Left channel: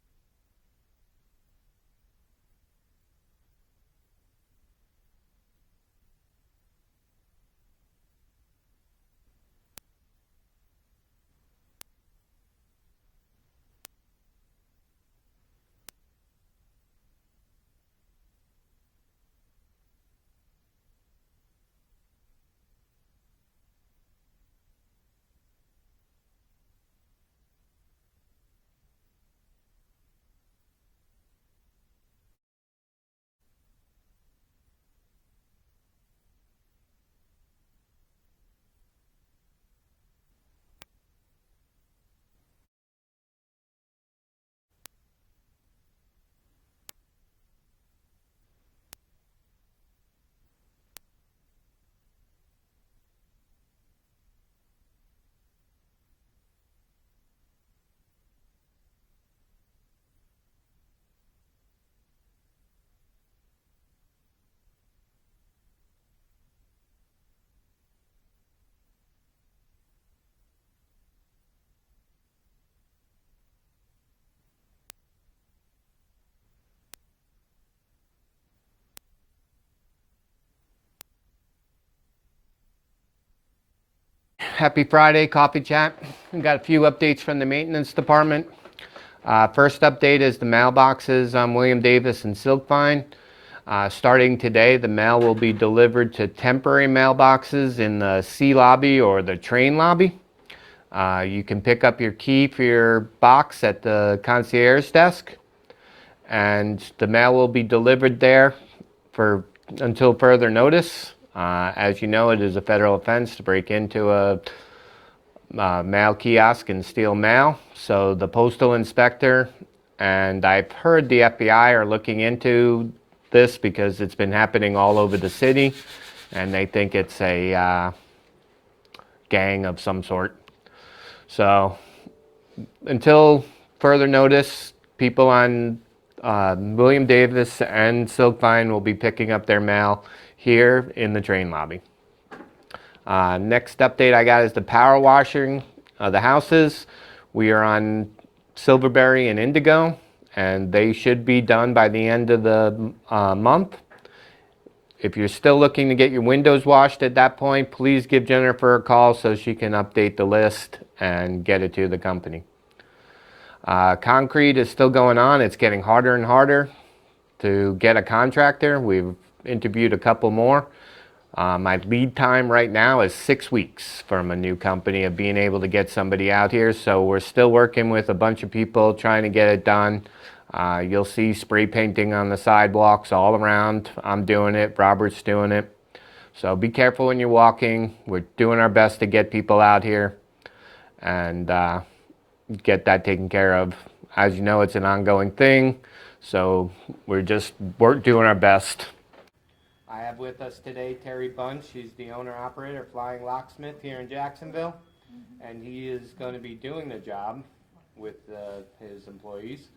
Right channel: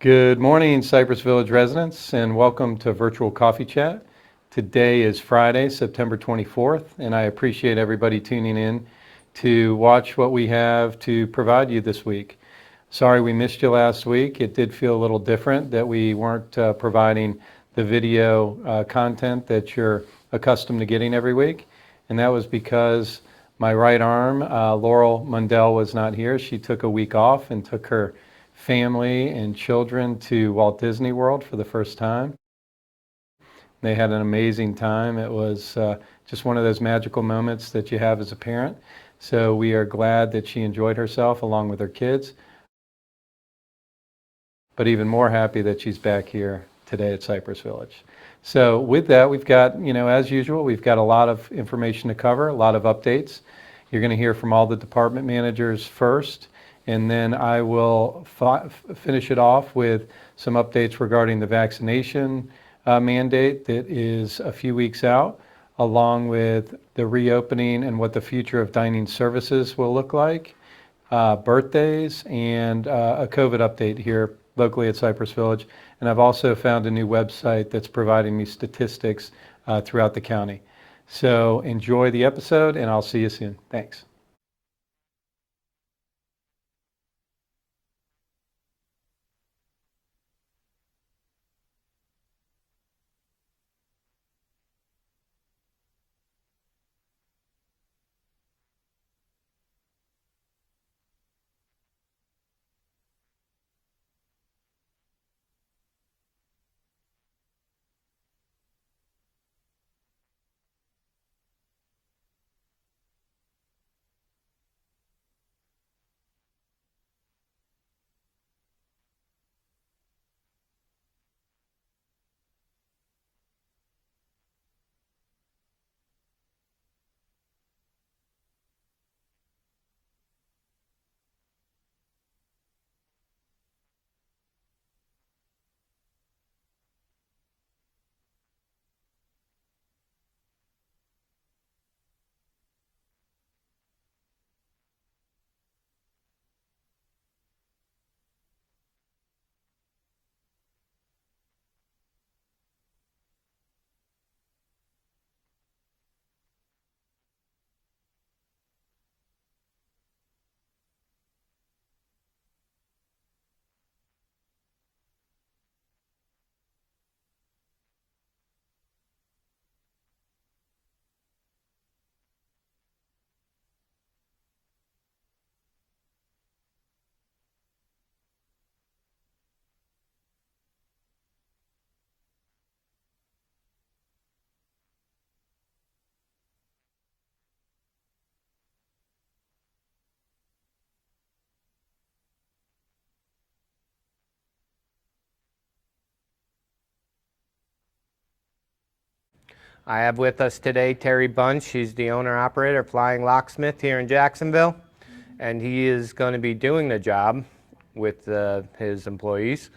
Good morning, Cypress Village residents, and welcome to Virtual Coffee Chat. Today is Friday, September 24th, and I appreciate everybody tuning in to watch what we have to provide you this week. Sorry we missed you last week. It did feel a little different that we weren't providing the video content that you're accustomed to getting every week, and that was because my right arm, Laurel Mundell, was not here. She took a week off and took her family and children to Walt Disney World for the first time. They had an amazing time. It was just one of those magical moments that you have as a parent. So we are glad that she enjoyed herself along with her kids, but even more happy that she's back here today at Cypress Village. So with that, we've got, as usual, we've got a lot of information to cover, a lot of updates. You're going to hear from all the department managers first, and then I will finish it off with some updates regarding the vaccination mandate that is a few weeks out, along with the reopening and what the future of dining services will look like, birthdays, and a COVID update here locally at Cypress Village. And I've also found a new website that's providing me statistics throughout the county. So enjoy the episode, and I'll see you soon. Thanks. Happy Friday, Coffee Chat. We've got a few updates from the maintenance department. First update is the mailboxes on William Davis and Silkvine. Starting today, the mail will be delivered to temporary mailboxes in the C lobby or the train lobby. You can pick up your key for your box at the concierge desk, and the mail will be delivered there until further notice. As you know, it is a federal offense to break into a mail kiosk and steal mail. So the postal inspector, and I've heard the FBI are looking into this because it's been happening all over the city, and they think it's a gang of some sort. So until further notice, people on William Davis and Silkvine will be picking up their mail here in the train lobby. Next update I got is the power washing of the houses. We are on Silverberry and Indigo, and they should be done by the end of the month. If you're still looking to get your windows washed at that point, please give Jennifer a call so she can update the list and get it to the company. Concrete is still going on. It's getting harder and harder to get a contractor. We've interviewed a couple more. My lead time right now is 6 weeks from a new company of being able to get somebody out here. So we're still working with a bunch of people trying to get it done. You'll see spray painting on the sidewalks all around. I'm doing it. Robert's doing it. So be careful when you're walking. We're doing our best to get people out here and get that taken care of. As you know, it's an ongoing thing. So we're doing our best. I have with us today Terry Bunch. He's the owner-operator of Flying Locksmith here in Jacksonville, and he is going to be doing the job with his employees,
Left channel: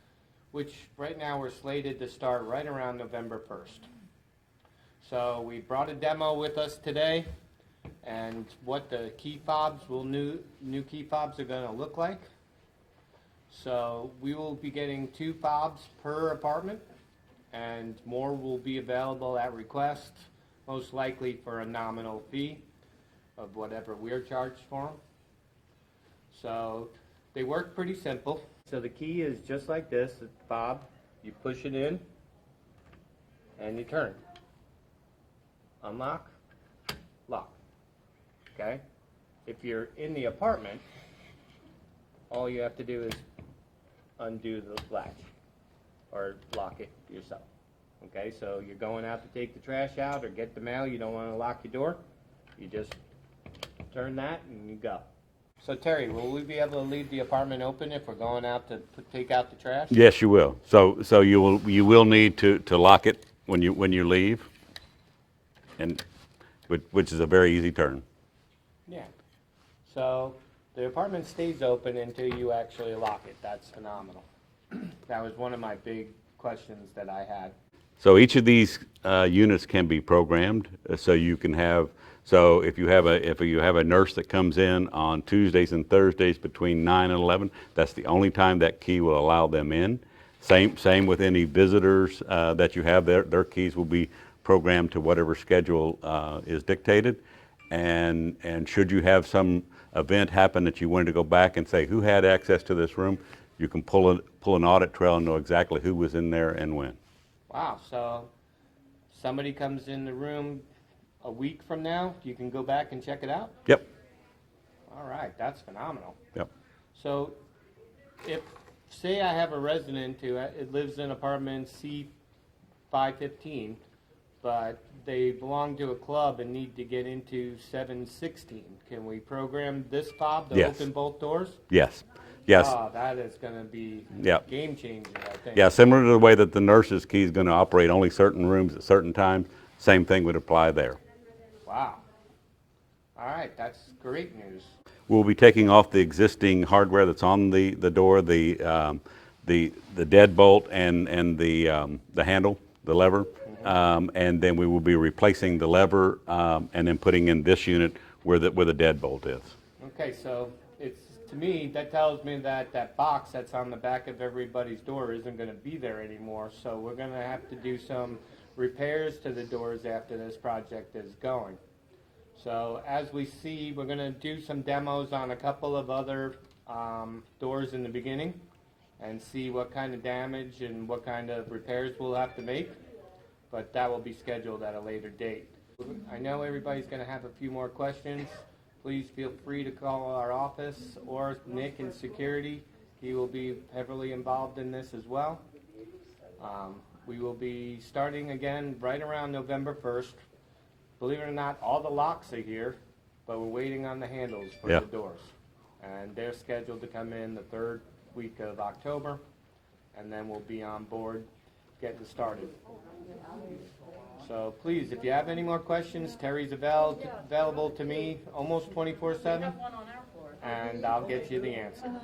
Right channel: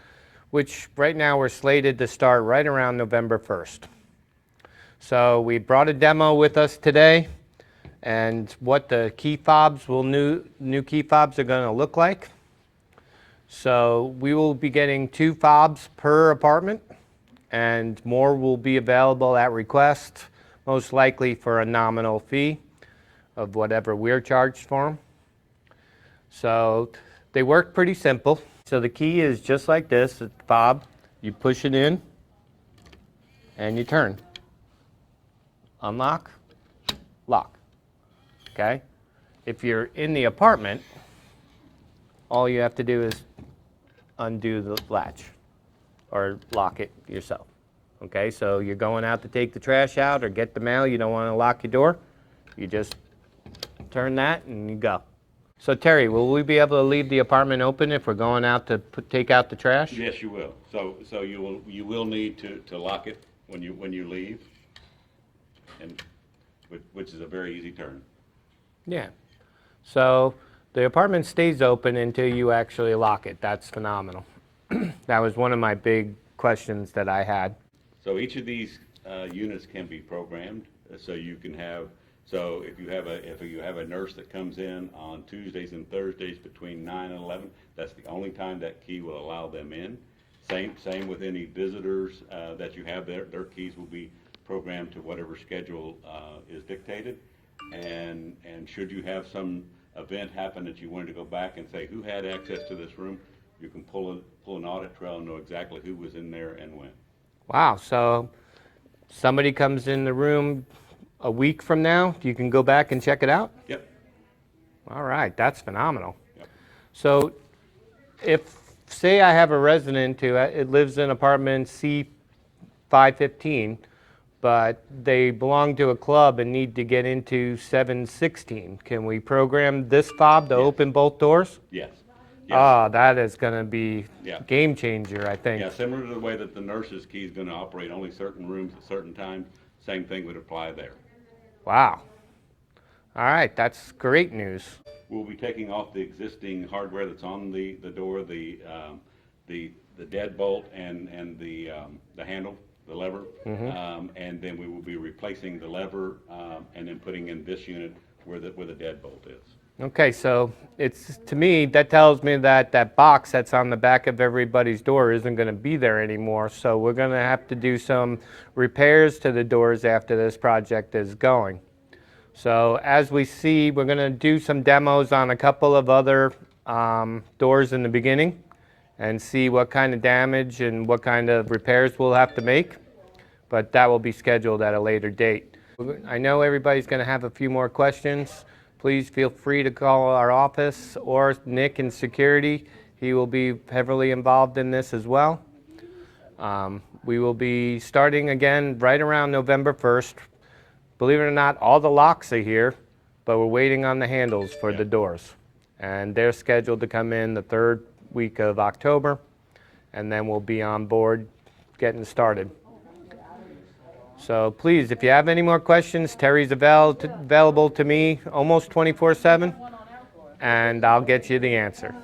which right now we're slated to start right around November 1st. So we brought a demo with us today, and what the key fobs new key fobs are going to look like. So we will be getting 2 fobs per apartment, and more will be available at request, most likely for a nominal fee of whatever we're charged for them. So they work pretty simple. So the key is just like this, the fob. You push it in and you turn. Unlock, lock. Okay? If you're in the apartment, all you have to do is undo the latch or lock it yourself. Okay, so you're going out to take the trash out or get the mail, you don't want to lock your door, you just turn that and you go. So Terry, will we be able to leave the apartment open if we're going out to take out the trash? Yes, you will. So you will need to lock it when you leave, and which is a very easy turn. Yeah. So the apartment stays open until you actually lock it. That's phenomenal. That was one of my big questions that I had. So each of these units can be programmed, so you can have. So if you have a nurse that comes in on Tuesdays and Thursdays between 9 and 11, that's the only time that key will allow them in. Same with any visitors that you have. Their keys will be programmed to whatever schedule is dictated. And should you have some event happen that you wanted to go back and say who had access to this room, you can pull an audit trail and know exactly who was in there and when. Wow, so somebody comes in the room a week from now, you can go back and check it out? Yep. All right, that's phenomenal. Yep. So if, say I have a resident who it lives in apartment C515, but they belong to a club and need to get into 716, can we program this fob to Yes. open both doors? Yes. Yes. Ah, that is going to be Yep. game changer, I think. Yeah, similar to the way that the nurse's key is going to operate only certain rooms at certain times, same thing would apply there. Wow. All right, that's great news. We'll be taking off the existing hardware that's on the door, the deadbolt and the handle, the lever, and then we will be replacing the lever and then putting in this unit where the deadbolt is. Okay, so it's, to me, that tells me that that box that's on the back of everybody's door isn't going to be there anymore. So we're going to have to do some repairs to the doors after this project is going. So as we see, we're going to do some demos on a couple of other doors in the beginning and see what kind of damage and what kind of repairs we'll have to make. But that will be scheduled at a later date. I know everybody's going to have a few more questions. Please feel free to call our office or Nick in security. He will be heavily involved in this as well. We will be starting again right around November 1st. Believe it or not, all the locks are here, but we're waiting on the handles for the doors. And they're scheduled to come in the 3rd week of October, and then we'll be on board getting started. So please, if you have any more questions, Terry's available to me almost 24/7, and I'll get you the answer.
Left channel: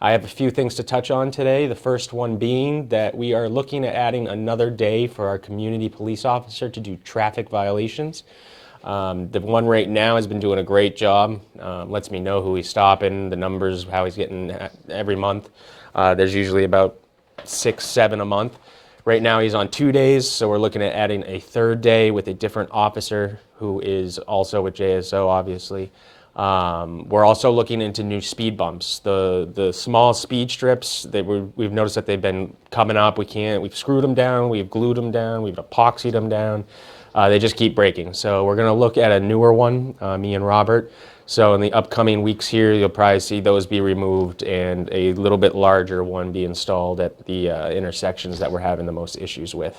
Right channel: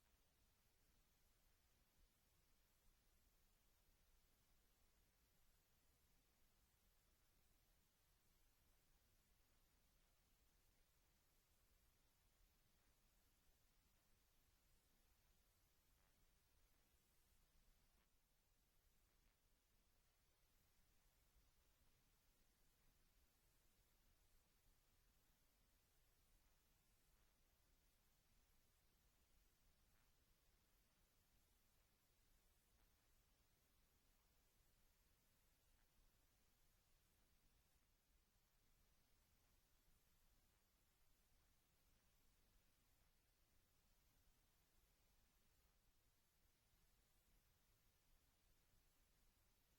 I have a few things to touch on today. The first one being that we are looking at adding another day for our community police officer to do traffic violations. The one right now has been doing a great job, lets me know who he's stopping, the numbers, how he's getting every month. There's usually about 6, 7 a month. Right now he's on 2 days, so we're looking at adding a 3rd day with a different officer who is also with JSO, obviously. We're also looking into new speed bumps. The small speed strips, we've noticed that they've been coming up. We've screwed them down, we've glued them down, we've epoxied them down. They just keep breaking. So we're going to look at a newer one, me and Robert. So in the upcoming weeks here, you'll probably see those be removed and a little bit larger one be installed at the intersections that we're having the most issues with.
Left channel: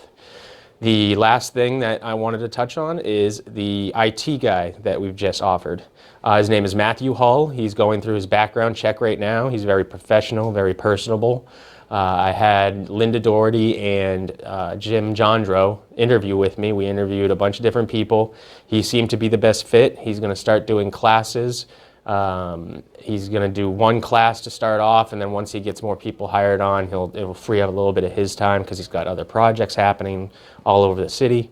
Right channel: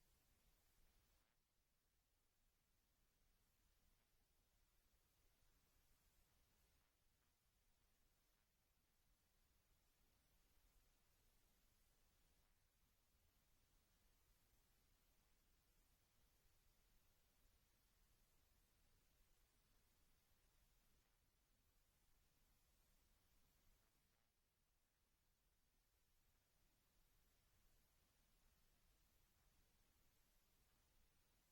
The last thing that I wanted to touch on is the IT guy that we've just offered. His name is Matthew Hull. He's going through his background check right now. He's very professional, very personable. I had Linda Doherty and Jim Jandro interview with me. We interviewed a bunch of different people. He seemed to be the best fit. He's going to start doing classes. He's going to do one class to start off, and then once he gets more people hired on, it'll free up a little bit of his time because he's got other projects happening all over the city.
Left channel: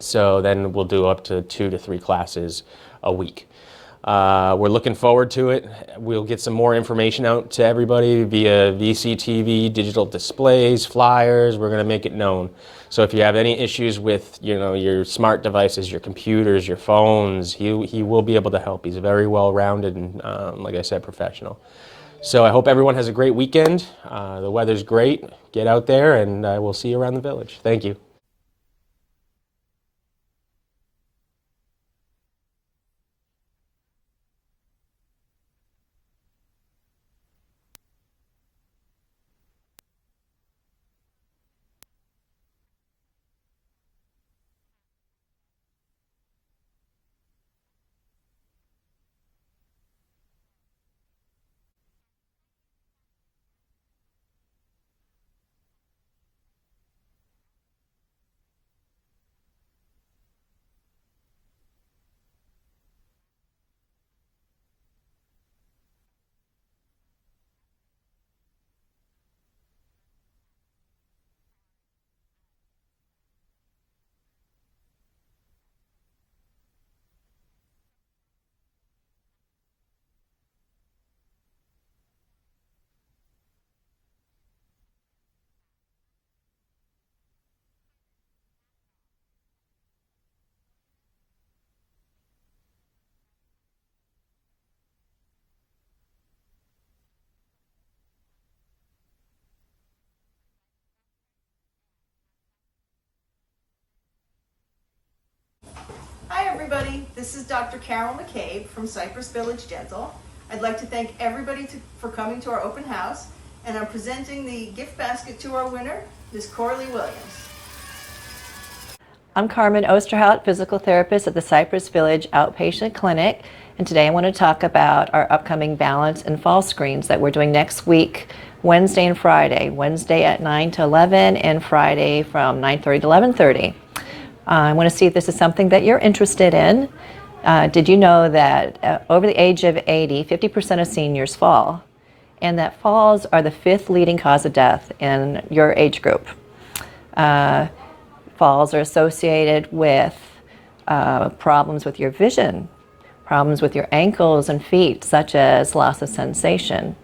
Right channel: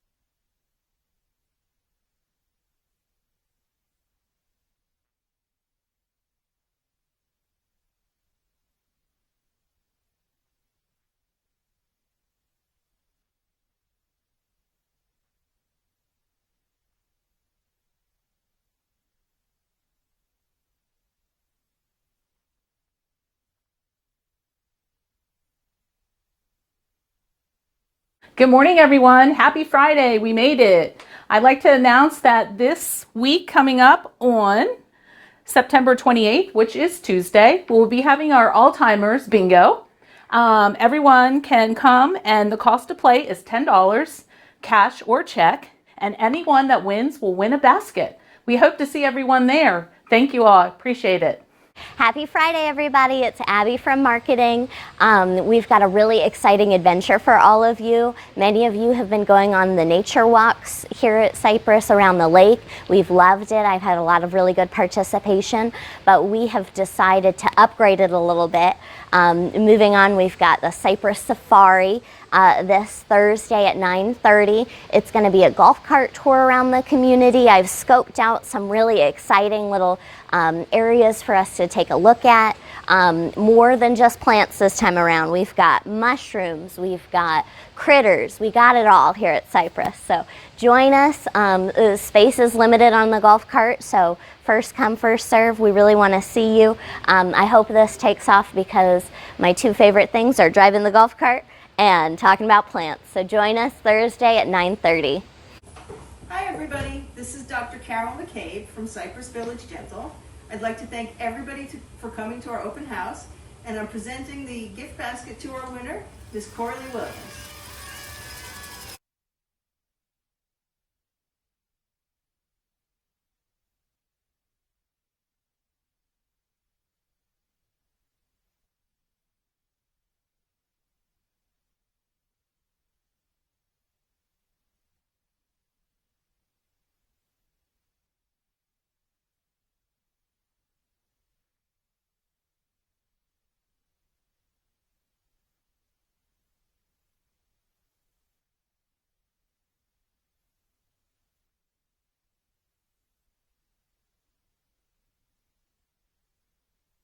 So then we'll do up to 2 to 3 classes a week. We're looking forward to it. We'll get some more information out to everybody via VCTV, digital displays, flyers. We're going to make it known. So if you have any issues with, your smart devices, your computers, your phones, he will be able to help. He's very well-rounded and, like I said, professional. So I hope everyone has a great weekend. The weather's great. Get out there, and we'll see you around the village. Thank you. Good morning, everyone. Happy Friday. We made it. I'd like to announce that this week coming up on September 28th, which is Tuesday, we'll be having our All-Timers Bingo. Everyone can come, and the cost to play is $10, cash or check, and anyone that wins will win a basket. We hope to see everyone there. Thank you all. Appreciate it. Happy Friday, everybody. It's Abby from marketing. We've got a really exciting adventure for all of you. Many of you have been going on the nature walks here at Cypress around the lake. We've loved it. I've had a lot of really good participation, but we have decided to upgrade it a little bit. Moving on, we've got the Cypress Safari this Thursday at 9:30. It's going to be a golf cart tour around the community. I've scoped out some really exciting little areas for us to take a look at. More than just plants this time around. We've got mushrooms, we've got critters, we got it all here at Cypress. So join us. The space is limited on the golf cart, so first come, first serve. We really want to see you. I hope this takes off because my two favorite things are driving the golf cart and talking about plants. So join us Thursday at 9:30. Hi everybody, this is Dr. Carol McCabe from Cypress Village Dental. I'd like to thank everybody for coming to our open house, and I'm presenting the gift basket to our winner, Ms. Corley Williams. I'm Carmen Osterhout, physical therapist at the Cypress Village Outpatient Clinic, and today I want to talk about our upcoming balance and fall screens that we're doing next week, Wednesday and Friday. Wednesday at 9 to 11 and Friday from 9:30 to 11:30. I want to see if this is something that you're interested in. Did you know that over the age of 80, 50% of seniors fall, and that falls are the 5th leading cause of death in your age group? Falls are associated with problems with your vision, problems with your ankles and feet, such as loss of sensation,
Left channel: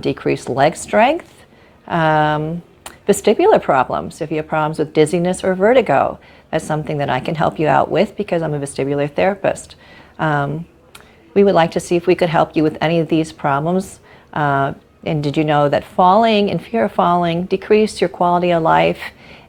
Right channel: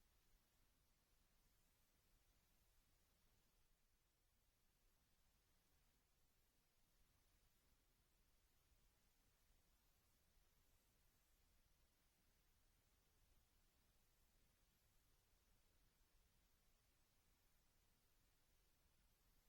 decreased leg strength, vestibular problems. If you have problems with dizziness or vertigo, that's something that I can help you out with because I'm a vestibular therapist. We would like to see if we could help you with any of these problems. And did you know that falling and fear of falling decrease your quality of life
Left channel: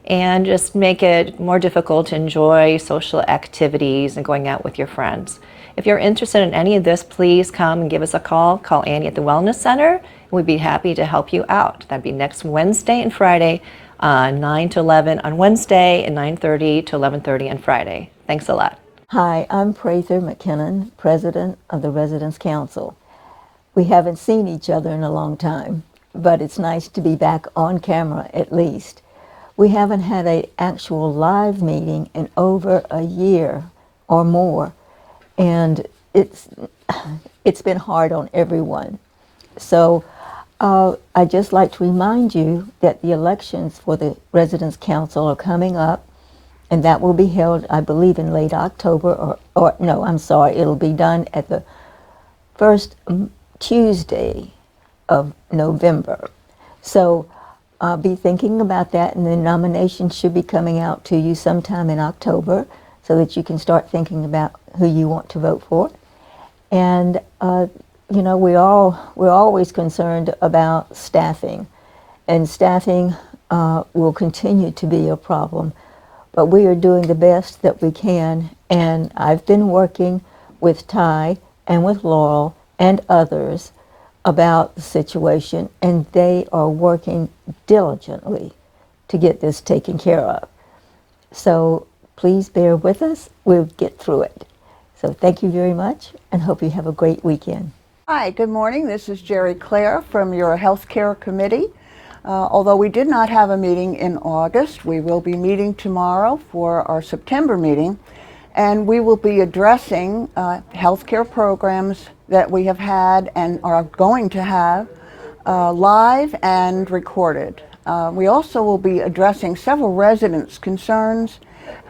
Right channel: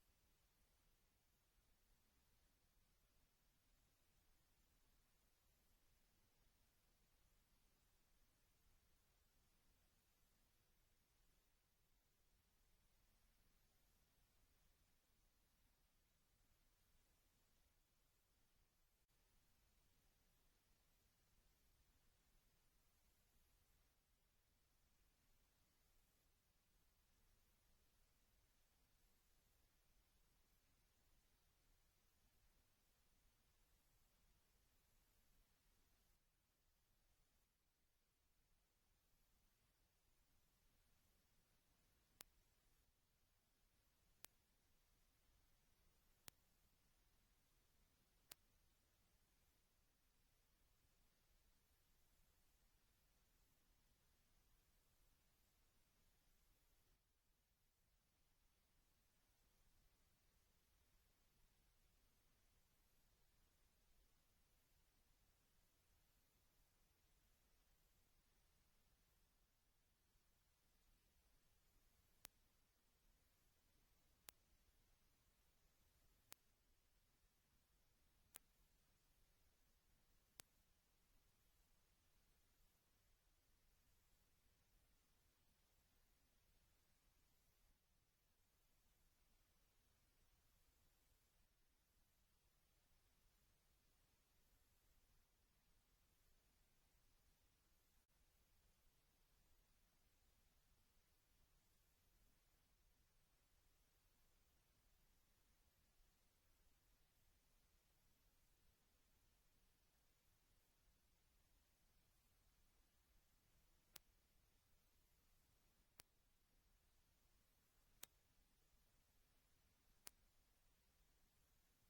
and just make it more difficult to enjoy social activities and going out with your friends? If you're interested in any of this, please come and give us a call. Call Annie at the Wellness Center, and we'd be happy to help you out. That'd be next Wednesday and Friday, 9 to 11 on Wednesday and 9:30 to 11:30 on Friday. Thanks a lot. Hi, I'm Prather McKinnon, President of the Residents Council. We haven't seen each other in a long time, but it's nice to be back on camera at least. We haven't had an actual live meeting in over a year or more, and it's been hard on everyone. So I'd just like to remind you that the elections for the Residents Council are coming up, and that will be held, I believe, in late October, or no, I'm sorry, it'll be done at the first Tuesday of November. So be thinking about that, and the nominations should be coming out to you sometime in October so that you can start thinking about who you want to vote for. And you know, we're always concerned about staffing, and staffing will continue to be a problem, but we are doing the best that we can, and I've been working with Ty and with Laurel and others about the situation, and they are working diligently to get this taken care of. So please bear with us, we'll get through it. So thank you very much, and hope you have a great weekend. Hi, good morning. This is Gerry Clare from your Healthcare Committee. Although we did not have a meeting in August, we will be meeting tomorrow for our September meeting, and we will be addressing healthcare programs that we have had and are going to have live and recorded. We also will be addressing several residents' concerns,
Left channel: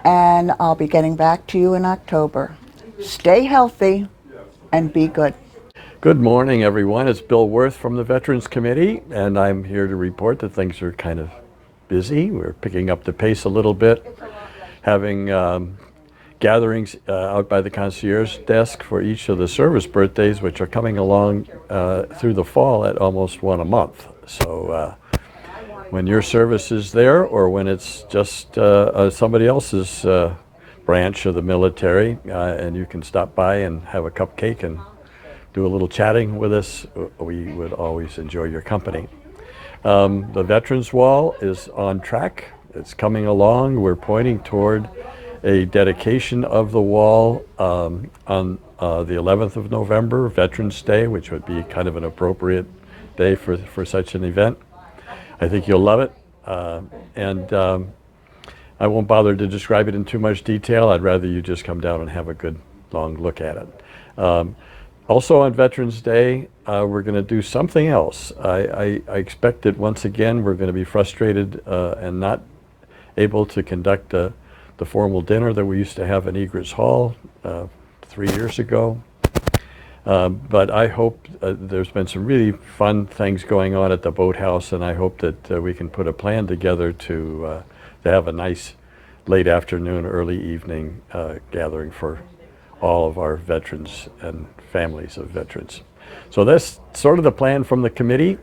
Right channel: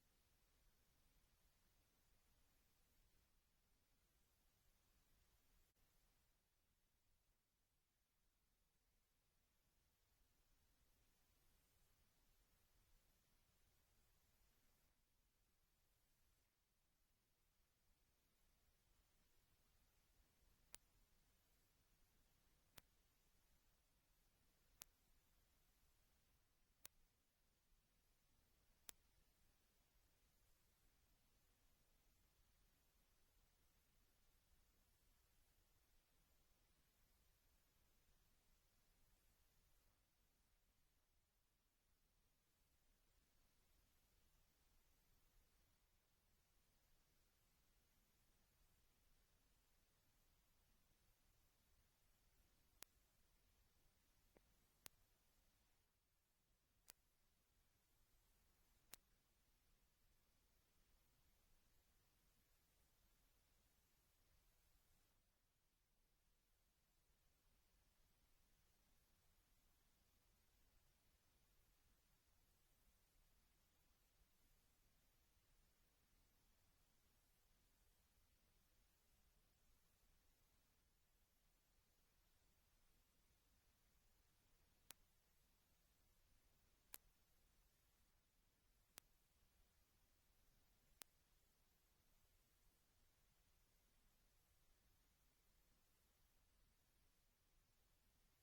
and I'll be getting back to you in October. Stay healthy and be good. Good morning, everyone. It's Bill Worth from the Veterans Committee, and I'm here to report that things are kind of busy. We're picking up the pace a little bit, having gatherings out by the concierge desk for each of the service birthdays, which are coming along through the fall at almost one a month. So when your service is there, or when it's just somebody else's branch of the military, and you can stop by and have a cupcake and do a little chatting with us, we would always enjoy your company. The Veterans Wall is on track. It's coming along. We're pointing toward a dedication of the wall on the 11th of November, Veterans Day, which would be kind of an appropriate day for such an event. I think you'll love it. And I won't bother to describe it in too much detail. I'd rather you just come down and have a good long look at it. Also on Veterans Day, we're going to do something else. I expect that once again we're going to be frustrated and not able to conduct the formal dinner that we used to have in Egrets Hall 3 years ago. But I hope there's been some really fun things going on at the boathouse, and I hope that we can put a plan together to have a nice late afternoon, early evening gathering for all of our veterans and families of veterans. So that's sort of the plan from the committee.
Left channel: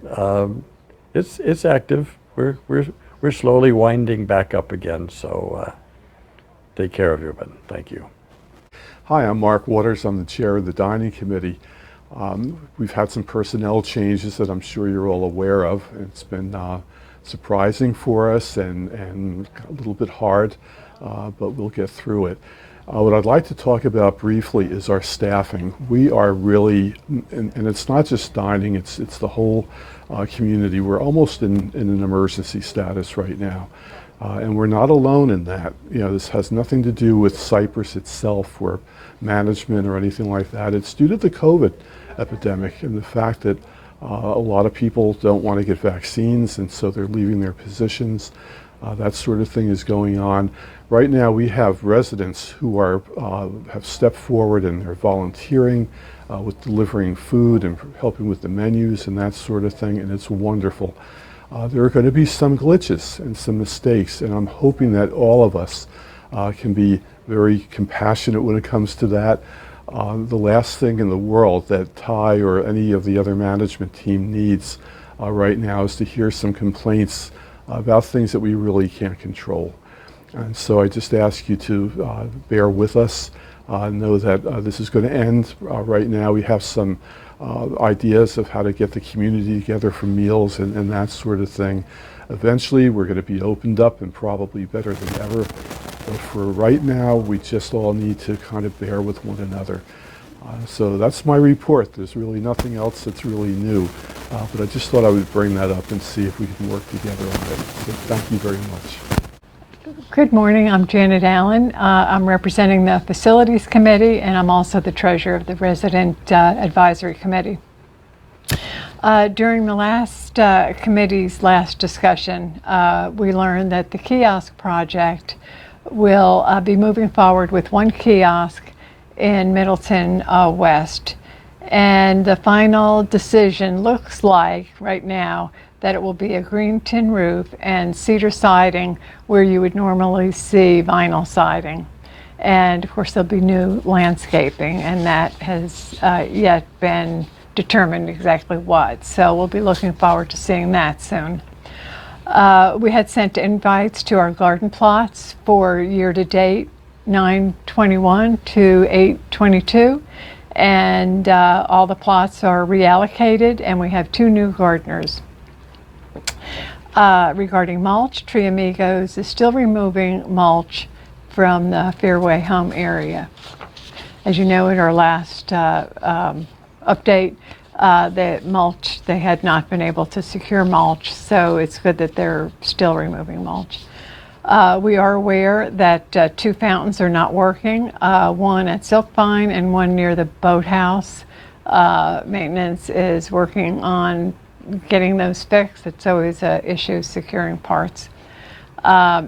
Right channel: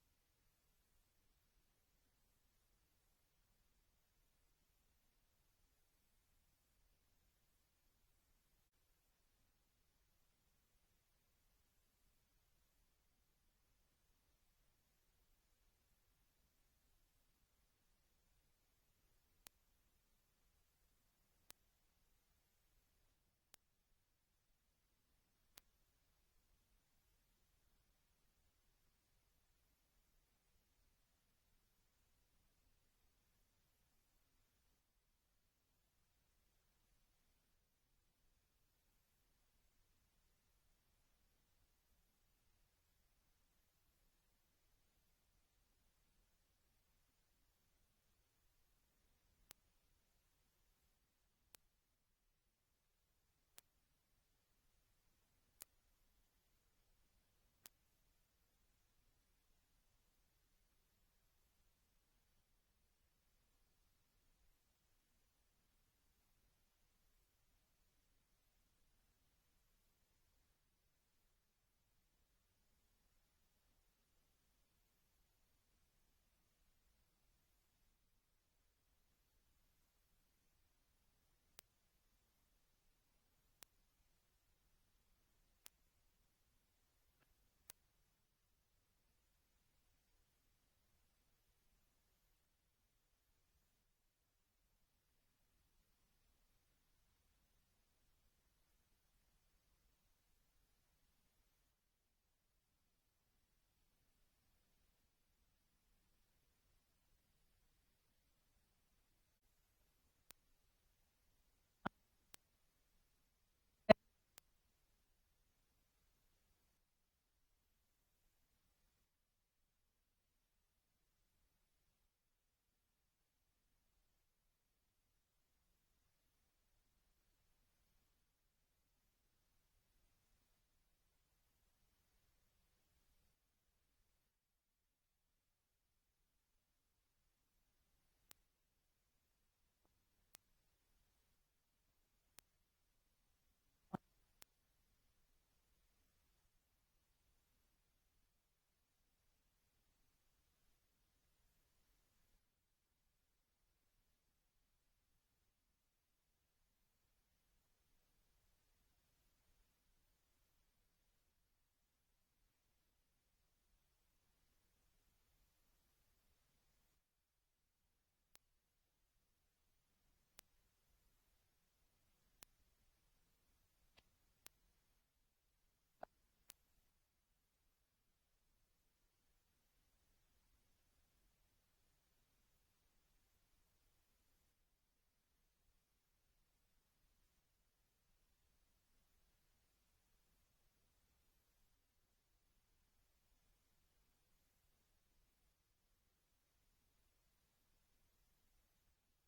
It's active. We're slowly winding back up again. So take care of everyone. Thank you. Hi, I'm Mark Waters. I'm the chair of the dining committee. We've had some personnel changes that I'm sure you're all aware of. It's been surprising for us and a little bit hard, but we'll get through it. What I'd like to talk about briefly is our staffing. We are really, and it's not just dining, it's the whole community. We're almost in an emergency status right now. And we're not alone in that. You know, this has nothing to do with Cypress itself or management or anything like that. It's due to the COVID epidemic and the fact that a lot of people don't want to get vaccines, and so they're leaving their positions. That sort of thing is going on. Right now we have residents who are have stepped forward and they're volunteering with delivering food and helping with the menus and that sort of thing, and it's wonderful. There are going to be some glitches and some mistakes, and I'm hoping that all of us can be very compassionate when it comes to that. The last thing in the world that Ty or any of the other management team needs right now is to hear some complaints about things that we really can't control. And so I just ask you to bear with us, know that this is going to end. Right now we have some ideas of how to get the community together for meals and that sort of thing. Eventually we're going to be opened up and probably better than ever. But for right now, we just all need to kind of bear with one another. So that's my report. There's really nothing else that's really new. But I just thought I would bring that up and see if we can work together on it. So thank you very much. Good morning. I'm Janet Allen. I'm representing the Facilities Committee, and I'm also the treasurer of the Resident Advisory Committee. During the last committee's last discussion, we learned that the kiosk project will be moving forward with one kiosk in Middleton West. And the final decision looks like right now that it will be a green tin roof and cedar siding where you would normally see vinyl siding. And of course there'll be new landscaping, and that has yet been determined exactly what. So we'll be looking forward to seeing that soon. We had sent invites to our garden plots for year-to-date 9/21 to 8/22, and all the plots are reallocated, and we have 2 new gardeners. Regarding mulch, Tree Amigos is still removing mulch from the Fairway home area. As you know, in our last update, the mulch, they had not been able to secure mulch, so it's good that they're still removing mulch. We are aware that 2 fountains are not working, one at Silkvine and one near the boathouse. Maintenance is working on getting those fixed. It's always an issue securing parts.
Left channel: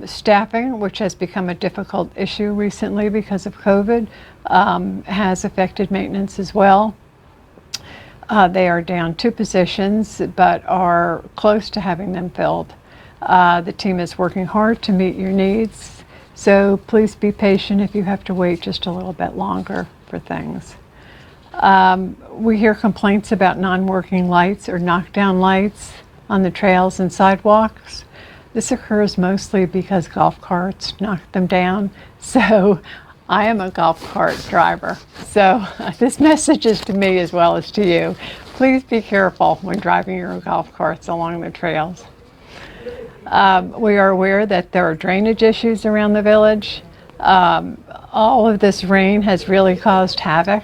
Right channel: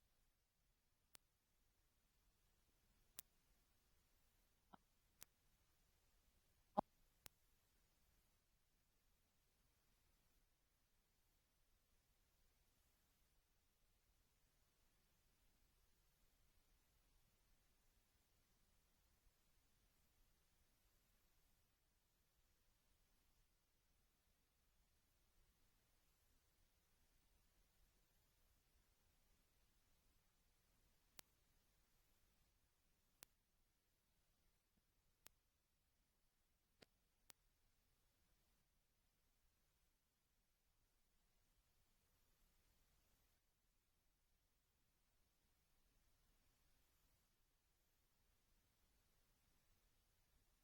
Staffing, which has become a difficult issue recently because of COVID, has affected maintenance as well. They are down 2 positions, but are close to having them filled. The team is working hard to meet your needs, so please be patient if you have to wait just a little bit longer for things. We hear complaints about non-working lights or knockdown lights on the trails and sidewalks. This occurs mostly because golf carts knock them down. So I am a golf cart driver, so this message is to me as well as to you. Please be careful when driving your golf carts along the trails. We are aware that there are drainage issues around the village. All of this rain has really caused havoc.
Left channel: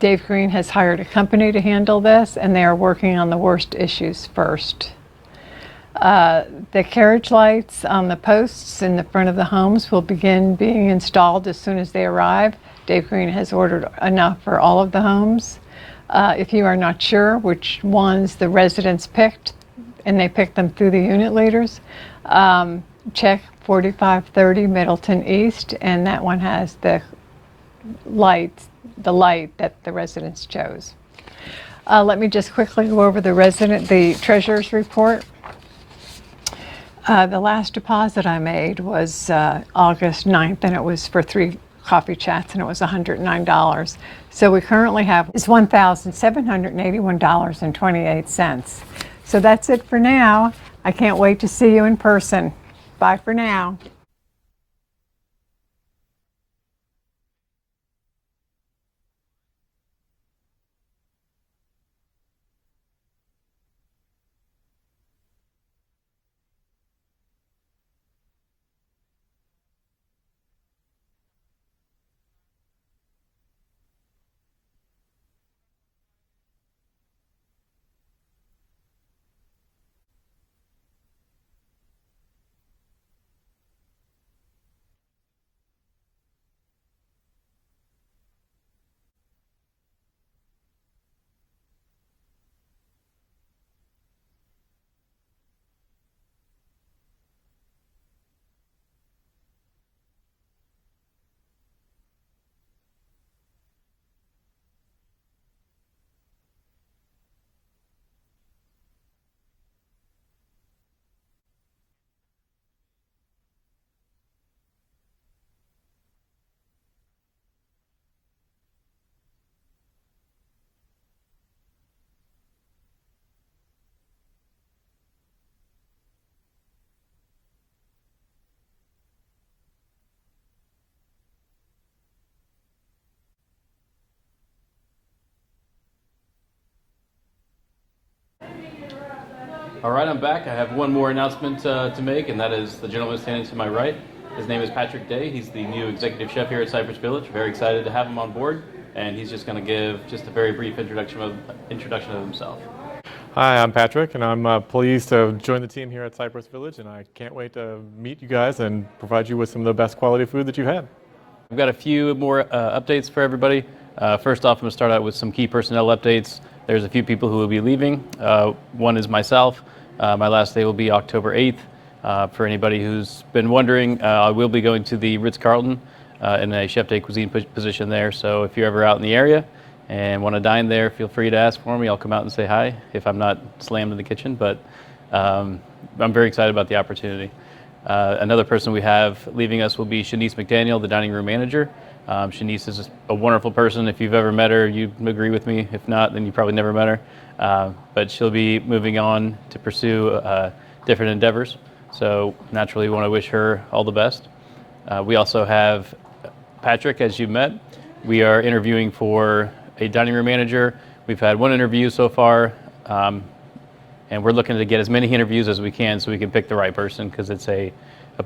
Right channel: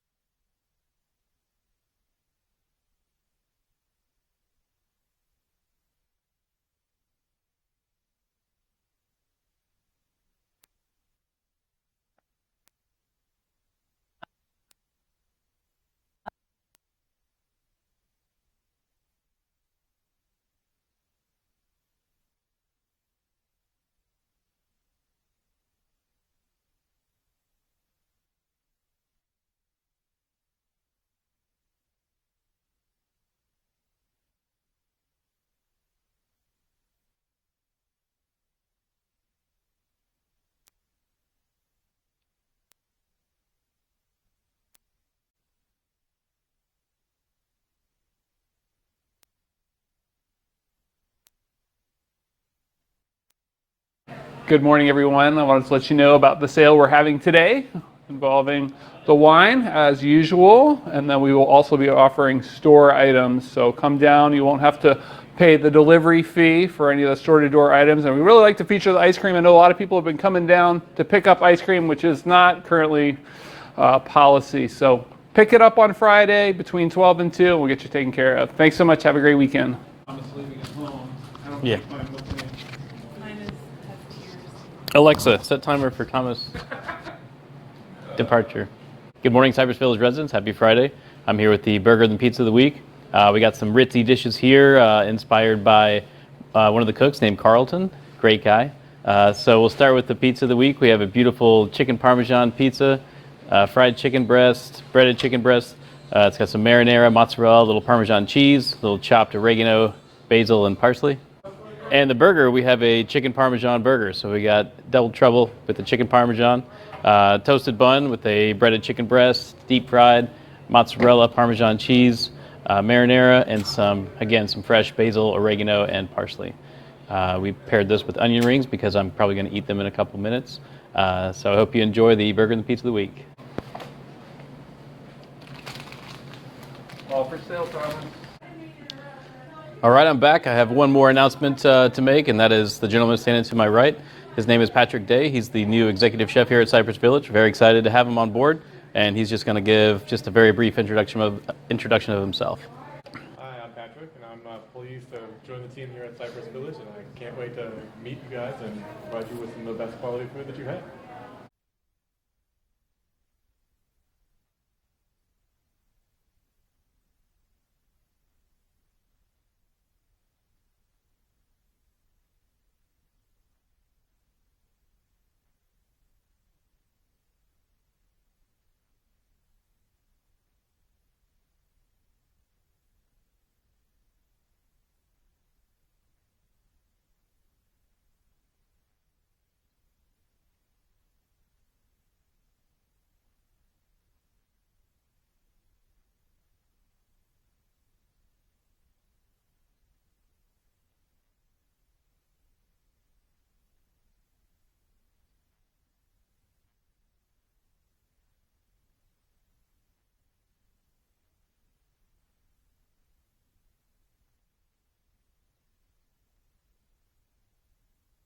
Dave Green has hired a company to handle this, and they are working on the worst issues first. The carriage lights on the posts in the front of the homes will begin being installed as soon as they arrive. Dave Green has ordered enough for all of the homes. If you are not sure which ones the residents picked, and they picked them through the unit leaders, check 4530 Middleton East, and that one has the lights the light that the residents chose. Let me just quickly go over the treasurer's report. The last deposit I made was August 9th, and it was for 3 coffee chats, and it was $109. So we currently have is $1,781.28. So that's it for now. I can't wait to see you in person. Bye for now. Good morning, everyone. I wanted to let you know about the sale we're having today involving the wine as usual, and then we will also be offering store items. So come down, you won't have to pay the delivery fee for any of the store-to-door items, and we really like to feature the ice cream. I know a lot of people have been coming down to pick up ice cream, which is not currently policy. So pick it up on Friday between 12 and 2, and we'll get you taken care of. Thanks so much. Have a great weekend. Yeah. Alexa, set timer for Thomas departure. Good morning, Cypress Village residents. Happy Friday. I'm here with the Burger and Pizza of the Week. We got some ritzy dishes here inspired by one of the cooks named Carlton. Great guy. So we'll start with the pizza of the week. We have a beautiful chicken parmesan pizza, fried chicken breast, breaded chicken breast. It's got some marinara, mozzarella, a little parmesan cheese, a little chopped oregano, basil, and parsley. And the burger, we have a chicken parmesan burger. So we got double trouble with the chicken parmesan, toasted bun with a breaded chicken breast, deep fried, mozzarella, parmesan cheese, marinara, and some fresh basil, oregano, and parsley. We paired this with onion rings because I'm probably going to eat them in a couple minutes. So I hope you enjoy the Burger and the Pizza of the Week. All for sale, Thomas. All right, I'm back. I have one more announcement to make, and that is the gentleman standing to my right. His name is Patrick Day. He's the new executive chef here at Cypress Village. Very excited to have him on board, and he's just going to give just a very brief introduction of himself. Hi, I'm Patrick, and I'm pleased to join the team here at Cypress Village, and I can't wait to meet you guys and provide you with some of the best quality food that you've had. We've got a few more updates for everybody. First off, I'm going to start out with some key personnel updates. There's a few people who will be leaving. One is myself. My last day will be October 8th. For anybody who's been wondering, I will be going to the Ritz-Carlton in a chef de cuisine position there. So if you're ever out in the area and want to dine there, feel free to ask for me. I'll come out and say hi if I'm not slammed in the kitchen. But I'm very excited about the opportunity. Another person we have leaving us will be Shanice McDaniel, the dining room manager. Shanice is a wonderful person. If you've ever met her, you agree with me. If not, then you probably never met her. But she'll be moving on to pursue different endeavors. So naturally, we want to wish her all the best. We also have Patrick, as you met. We are interviewing for a dining room manager. We've had one interview so far, and we're looking to get as many interviews as we can so we can pick the right person, because it's a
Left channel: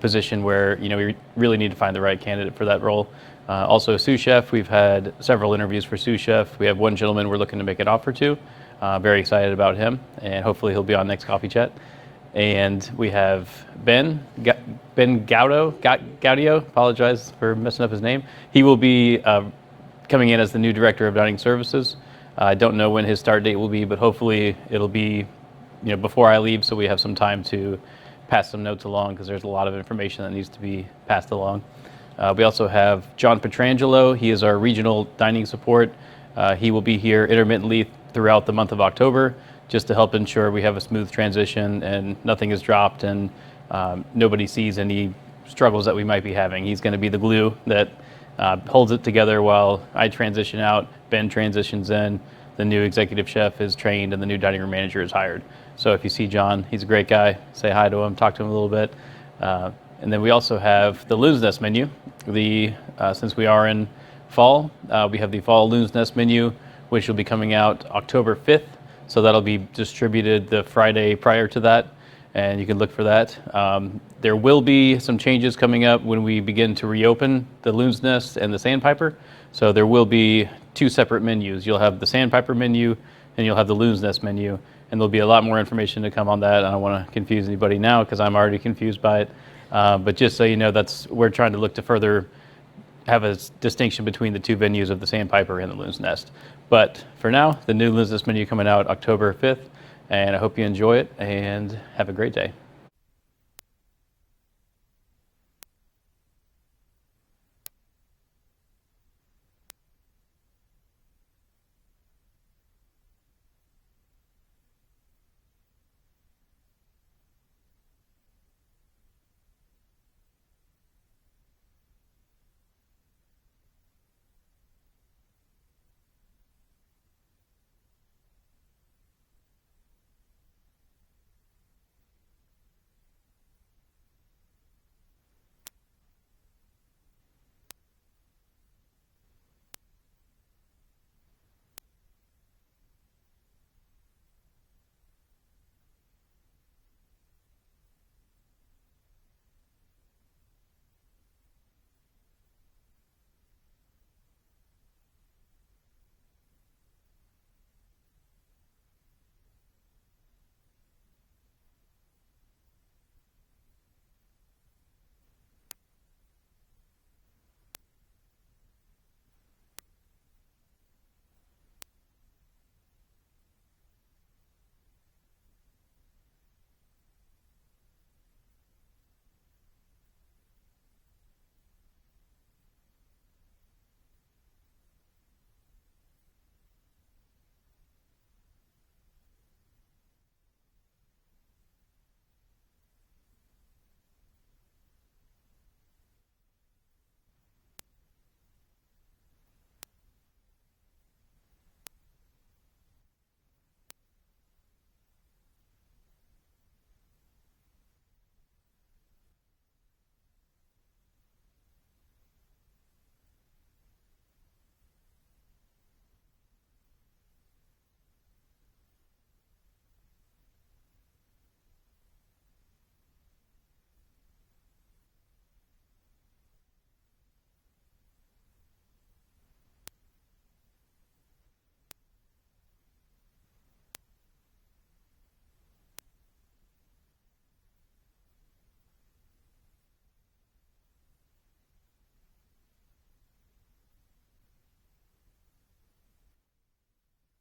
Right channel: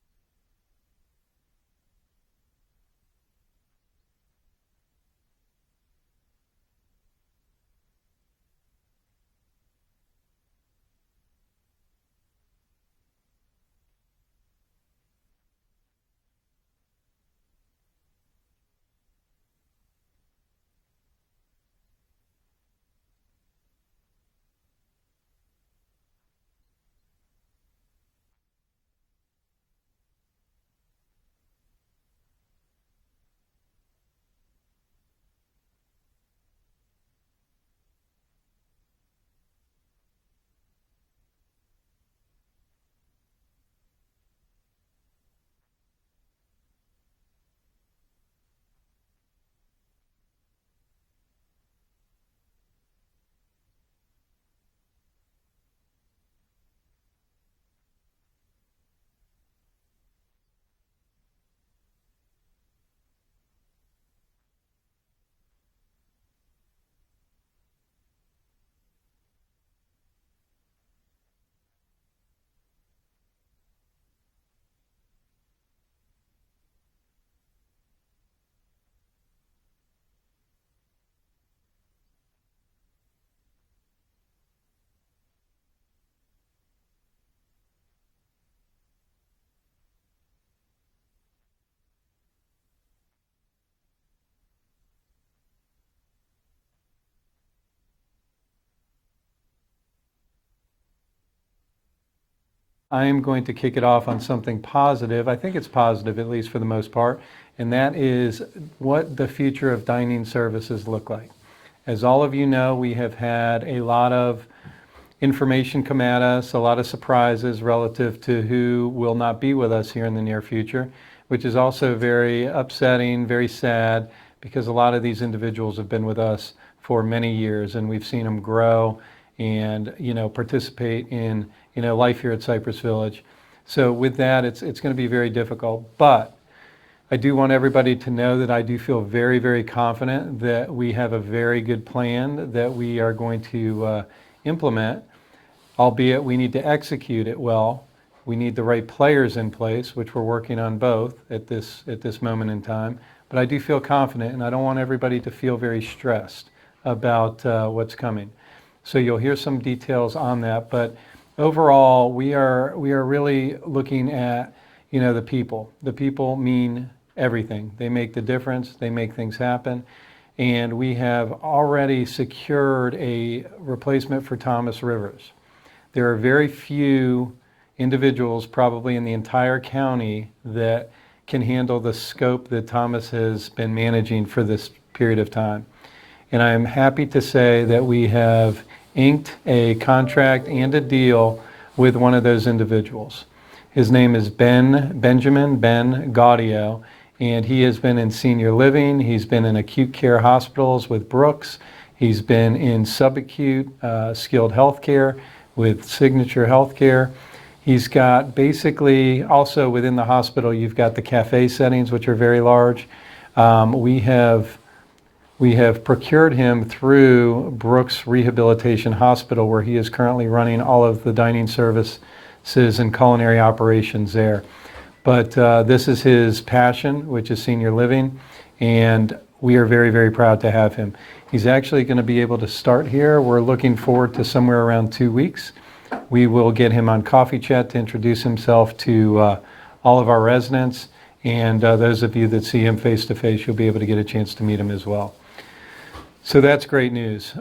position where we really need to find the right candidate for that role. Also, sous chef. We've had several interviews for sous chef. We have one gentleman we're looking to make an offer to. Very excited about him, and hopefully he'll be on next Coffee Chat. And we have Ben Gaudio. Apologize for messing up his name. He will be coming in as the new director of dining services. I don't know when his start date will be, but hopefully it'll be before I leave, so we have some time to pass some notes along, because there's a lot of information that needs to be passed along. We also have John Petrangelo. He is our regional dining support. He will be here intermittently throughout the month of October, just to help ensure we have a smooth transition and nothing is dropped and nobody sees any struggles that we might be having. He's going to be the glue that holds it together while I transition out, Ben transitions in, the new executive chef is trained, and the new dining room manager is hired. So if you see John, he's a great guy. Say hi to him, talk to him a little bit. And then we also have the Loon's Nest menu. Since we are in fall, we have the fall Loon's Nest menu, which will be coming out October 5th. So that'll be distributed the Friday prior to that, and you can look for that. There will be some changes coming up when we begin to reopen the Loon's Nest and the Sandpiper. So there will be 2 separate menus. You'll have the Sandpiper menu, and you'll have the Loon's Nest menu. And there'll be a lot more information to come on that. I don't want to confuse anybody now, because I'm already confused by it. But just so you know, we're trying to look to further have a distinction between the 2 venues of the Sandpiper and the Loon's Nest. But for now, the new Loon's Nest menu coming out October 5th, and I hope you enjoy it and have a great day. I am going to kick it off on something positive. I think it's positive, at least for the most part, and that is what the future of dining services look like. As all of you know, we have had a lot of information come at us, a lot of surprises relative to who will not be with us here in the near future, which is also very upsetting, very sad, because a lot of these individuals have been with us for many years, and we've seen them grow and participate in life here at Cypress Village. So with that, it's going to be very difficult. But I do want everybody to know that I do feel very, very confident that we have a very good plan that we are going to implement, albeit we need to execute it well. We need the right players in place, which we're working on both at this moment in time. But I do feel confident, and I don't want everybody to feel very stressed about what's coming. So you'll hear some details on that. But overall, we are really looking at the people. The people mean everything. They make the difference. They make things happen. And we have already secured a replacement for Thomas Rivers. There are very few individuals probably in the entire county that can handle the scope that Thomas has been managing for this period of time. And I am happy to say that we have inked a contract and a deal with one of those individuals. His name is Benjamin Gaudio, and he has been in senior living. He's been in acute care hospitals with Brooks. He's been in subacute skilled healthcare with Signature Healthcare. He's got basically, also within the hospital, you've got the cafe settings, which are very large. We have procured him through Brooks Rehabilitation Hospital, where he is currently running all of the dining services and culinary operations there. But this is his passion, which is senior living, and we are very, very proud to have him. He's actually going to be able to start here. We're looking forward to somewhere around 2 weeks. We will get him on Coffee Chat to introduce himself to all of our residents, and those of you that see him face to face, you'll be able to get a chance to meet him as well. So that's great news.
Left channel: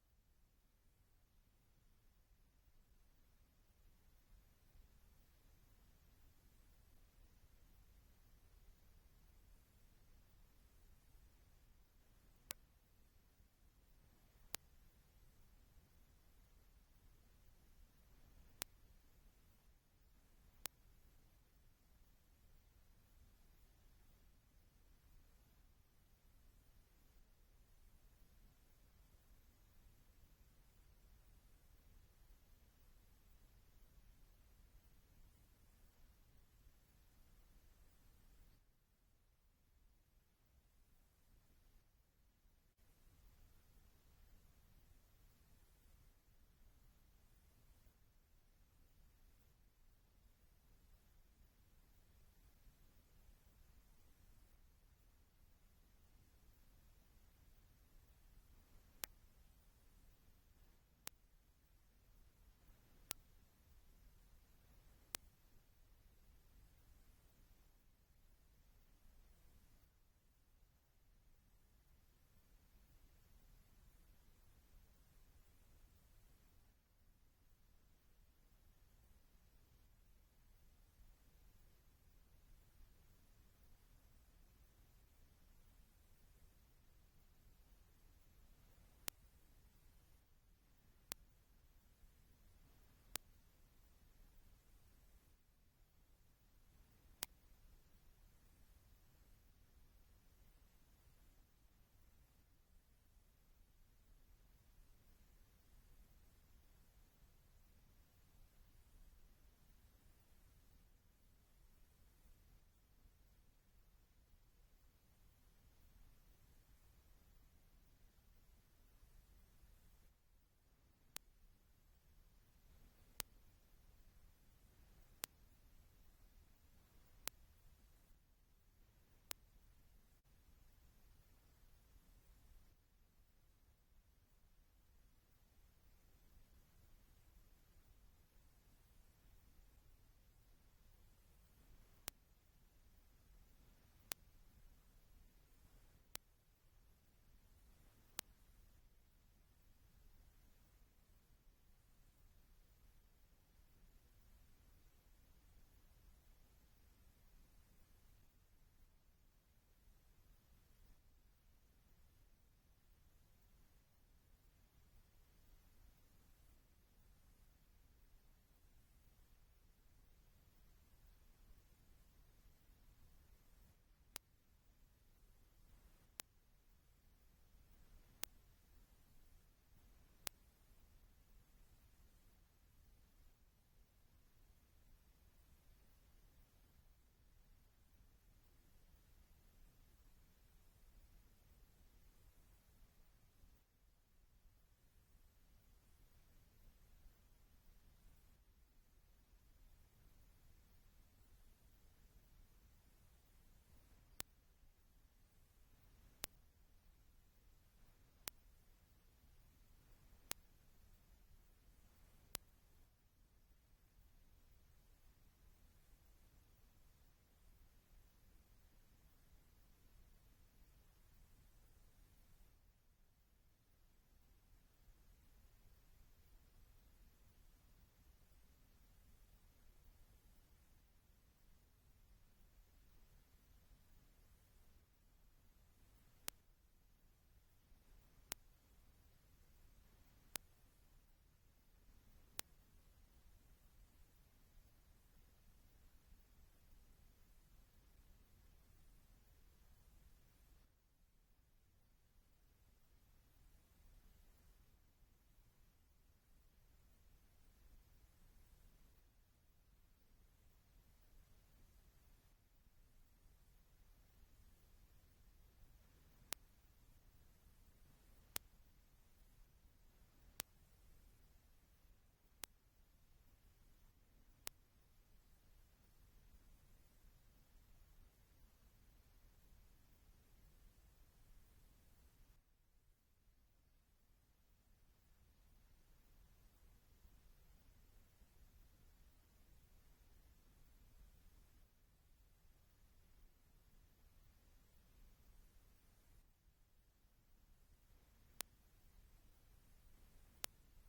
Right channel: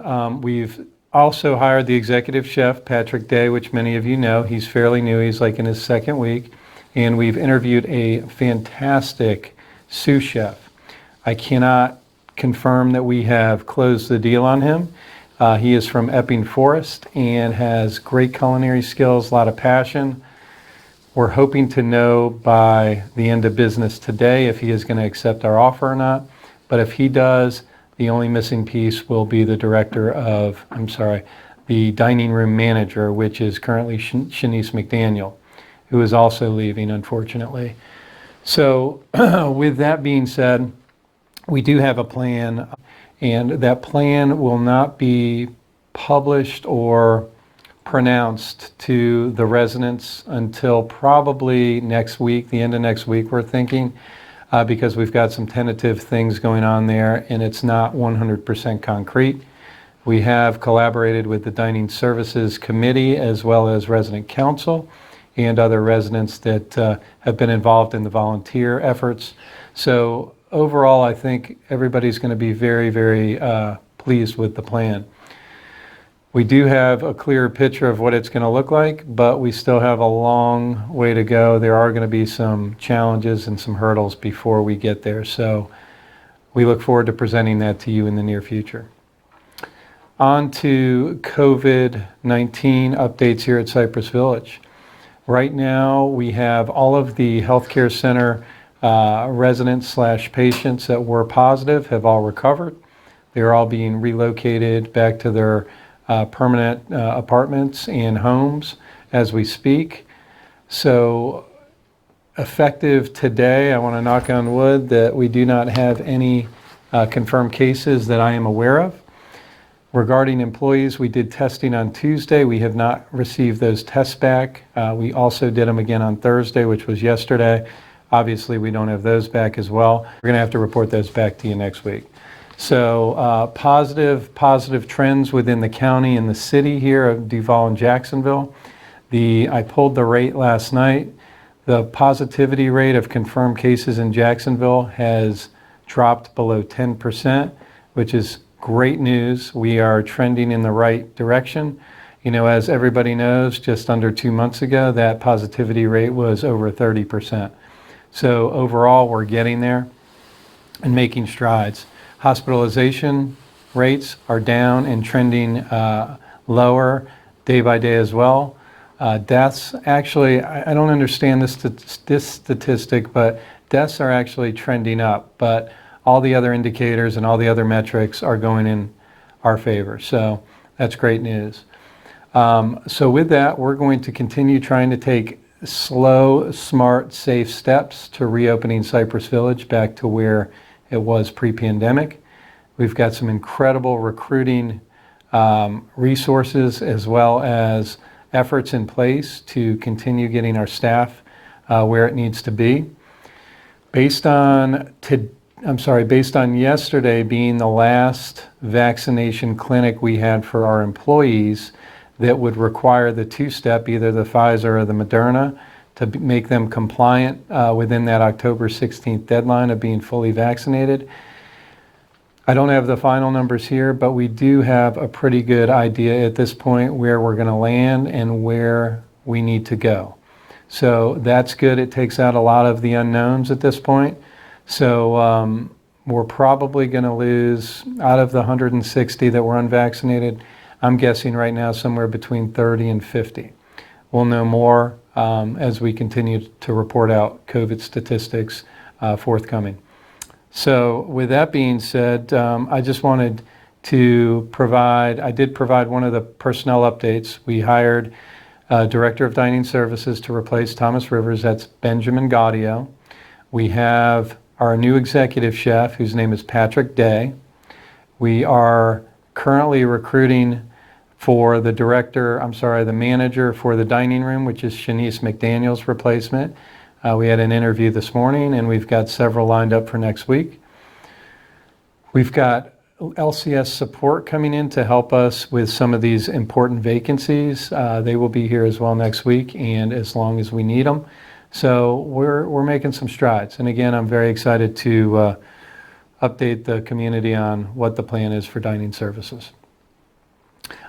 We've also hired the executive chef, Patrick Day, which many of you know. He's fairly new. He's like in his second week. And we've interviewed a fantastic sous chef. I cannot confirm that we have closed the deal on him. He is from Epping Forest and has great culinary skills, a lot of passion. We're hoping to know by the end of business today if he is going to accept our offer or not. But if he does, the only missing piece will be the the dining room manager, which is currently Shanice McDaniel, who is also leaving, unfortunately. So with that being said, we do have a plan, and that plan will not be published or pronounced to the residents until probably next week, the end of next week, we're thinking, because we've got some tentative things going on there, and it's not 100% concrete. We have collaborated with the Dining Services Committee as well as Resident Council and other residents that have been involved in the volunteer efforts. So overall, I think everybody's going to be very, very pleased with the plan. We do have a clearer picture of what it's going to look like, but we still have a long way to go. There are going to be some challenges and some hurdles before we get there. So we look forward to presenting that to you in the near future. On to COVID-19 updates here at Cypress Village. Right now, we have all of the healthcare center residents/patients that were positive have all recovered. They're all being relocated back to their permanent apartments and homes as we speak. So effective today, I want to knock on wood that we do not have any confirmed cases that I am aware of. Regarding employees, we did testing on Tuesday. We have not received those tests back. We also did them again on Thursday, which was yesterday. Obviously, we don't have those back as well. We're going to have to report those back to you next week. So positive trends within the county and the city here of Duval and Jacksonville. I pulled the rate last night. The positivity rate of confirmed cases in Jacksonville has dropped below 10%, which is great news. We are trending in the right direction. You know, as everybody knows, just under 2 months ago, that positivity rate was over 30%. So overall, we're getting there. and making strides. Hospitalization rates are down and trending lower day by day as well. Deaths, actually, I don't understand this statistic, but deaths are actually trending up, but all the other indicators and all the other metrics are going in our favor. So that's great news. So with that, we're going to continue trying to take slow, smart, safe steps to reopening Cypress Village back to where it was pre-pandemic. We've got some incredible recruiting resources as well as efforts in place to continue getting our staff where it needs to be. Based on yesterday being the last vaccination clinic we had for our employees that would require the two-step, either the Pfizer or the Moderna, to make them compliant within that October 16th deadline of being fully vaccinated. I don't have the final numbers here, but we do have a pretty good idea at this point where we're going to land and where we need to go. So that's good. It takes out a lot of the unknowns at this point. So we're probably going to lose, out of the 160 that were unvaccinated, I'm guessing right now somewhere between 30 and 50. We'll know more as we continue to report out COVID statistics forthcoming. So with that being said, I just wanted to I did provide one of the personnel updates. We hired a Director of Dining Services to replace Thomas Rivers. That's Benjamin Gaudio. We have our new executive chef, whose name is Patrick Day. We are currently recruiting for the manager for the dining room, which is Shanice McDaniel's replacement. We had an interview this morning, and we've got several lined up for next week. We've got LCS support coming in to help us with some of these important vacancies. They will be here as well next week, and as long as we need them. So we're making some strides. And again, I'm very excited to update the community on what the plan is for dining services.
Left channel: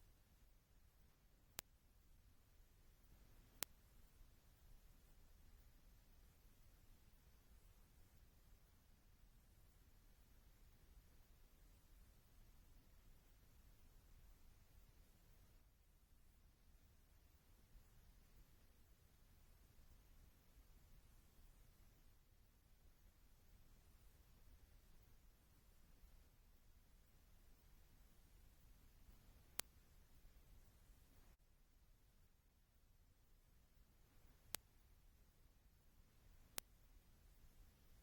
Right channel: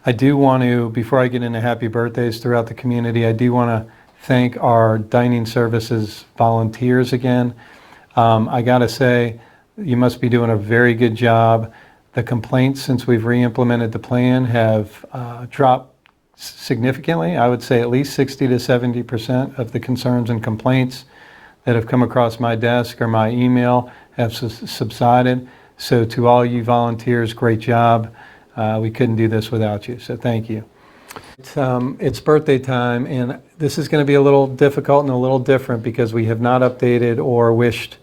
I do want to, before I get into happy birthdays throughout the community, I do want to thank our dining services volunteers again. I gotta say, you must be doing a very good job. The complaints since we've re-implemented the plan have dropped significantly. I would say at least 60 to 70% of the concerns and complaints that have come across my desk or my email have subsided. So to all you volunteers, great job. We couldn't do this without you, so thank you. It's birthday time, and this is going to be a little difficult and a little different because we have not updated or wished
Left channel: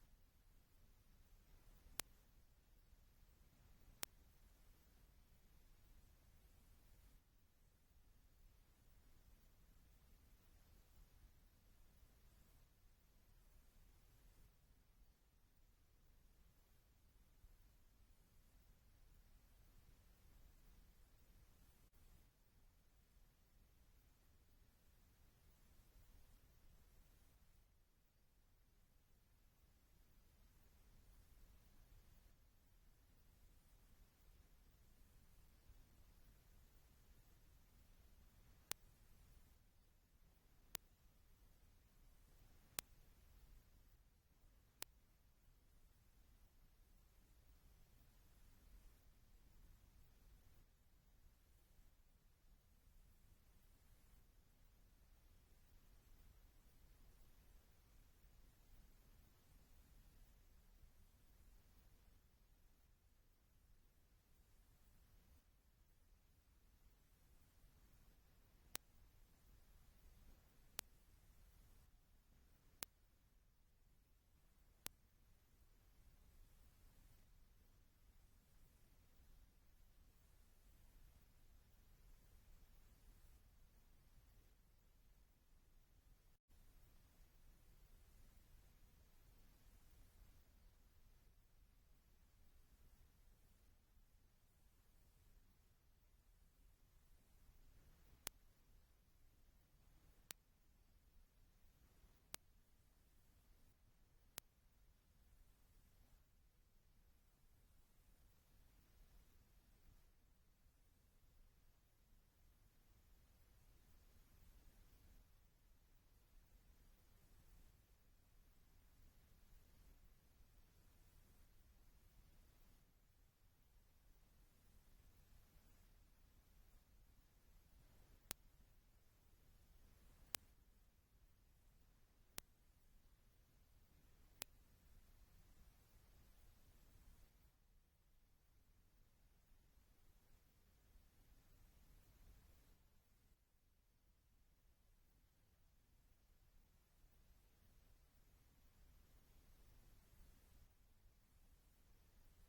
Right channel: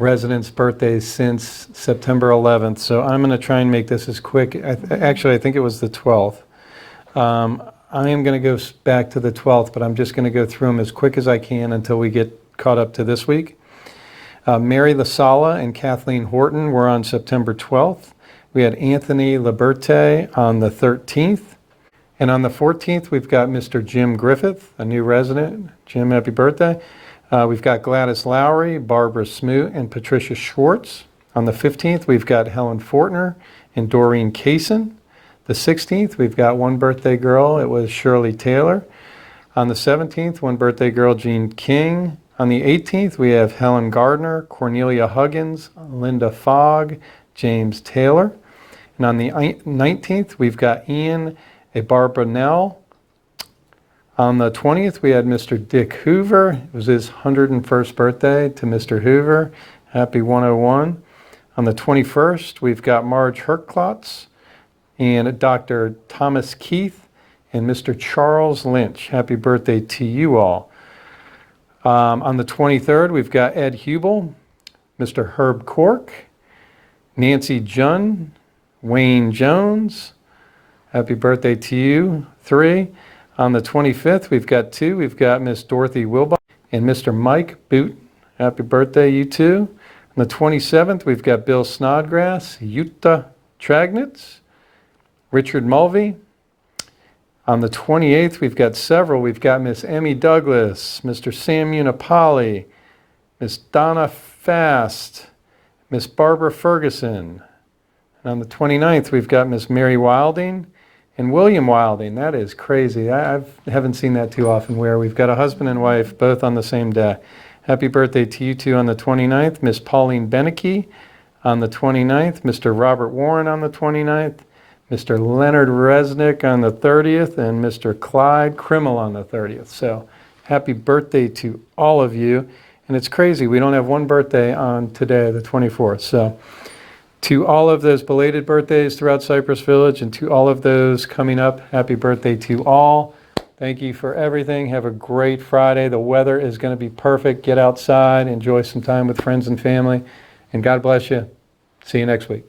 residents' birthdays since September 11th. So I'm going to try and make this as quick. Actually, I think it was the 12th. I am going to go back to the 12th, but I'm just going to go through them as quick as I can until we get caught up to this week. Mary Lasala and Kathleen Horton were on September 12th. We had Anthony Liberte on the 13th. And on the 14th, we've got Mr. Jim Griffith, a new resident. Jim, happy birthday. We've got Gladys Lowry, Barbara Smoot, and Patricia Schwartz. On the 15th, we've got Helen Fortner and Doreen Kaysen. The 16th, we've got one birthday girl. It was Shirley Taylor. On the 17th, one birthday girl, Jean King. On the 18th, we have Helen Gardner, Cornelia Huggins, Linda Fogg, James Taylor. And on the 19th, we've got Ian Barbara Nell. On the 20th, we had Mr. Dick Hoover. It was his 101st birthday to Mr. Hoover. Happy 101. On the 21st, we've got Marge Herklotz and Dr. Thomas Keith and Mr. Charles Lynch. Happy birthday to you all. On the 23rd, we've got Ed Hubel, Mr. Herb Cork, Nancy Junn, Wayne Jones. Happy birthday to you, 3. On the 25th, we've got 2. We've got Miss Dorothy Wilbach and Mr. Mike Boot. Happy birthday, you 2. On the 27th, we've got Bill Snodgrass, Jutta Tragnitz, Richard Mulvey. On the 28th, we've got several. We've got Miss Emmy Douglas, Mr. Sam Unipali, Miss Donna Fast, Miss Barbara Ferguson. And on the 29th, we've got Miss Mary Wilding and William Wilding. That is crazy. I haven't seen that too often where we've got a husband and wife both on the same day. Happy birthday to you two on the 29th. Miss Pauline Beneke, on the 29th, Mr. Robert Warren on the 29th, Mr. Leonard Resnick on the 30th, and Mr. Clyde Krimmel on the 30th. So happy birthday to all of you. And it's crazy, we don't have one birthday on today, the 24th. So to all of those belated birthdays throughout Cypress Village and to all of those coming up, happy birthday to all. Thank you for everything. Have a great Friday. The weather is going to be perfect. Get outside, enjoy some time with friends and family, and God bless you. See you next week.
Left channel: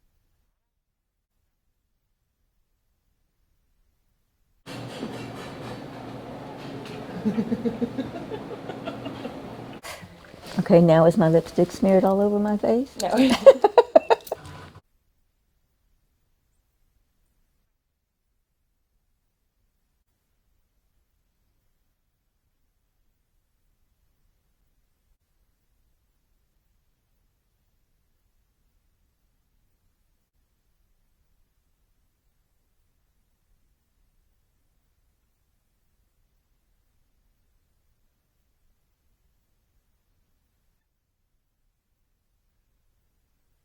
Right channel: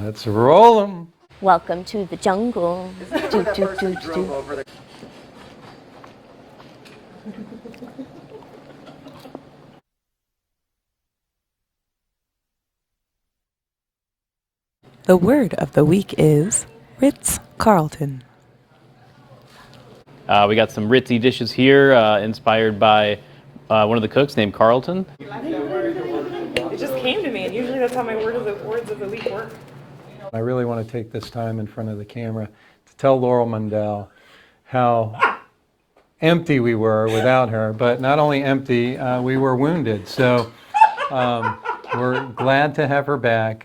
Let's roll 'em. Welcome to the jungle. Do, do, do, do. Okay, now is my lipstick smeared all over my face? No. The word of the week is Ritz-Carlton. We got some ritzy dishes here inspired by one of the cooks named Carlton. It just came to me, and usually that's how my words of the week work. I really want to take this time in front of the camera to tell Laurel Mundell how empty we were without her, but not only empty, we were wounded. So we're glad to have her back.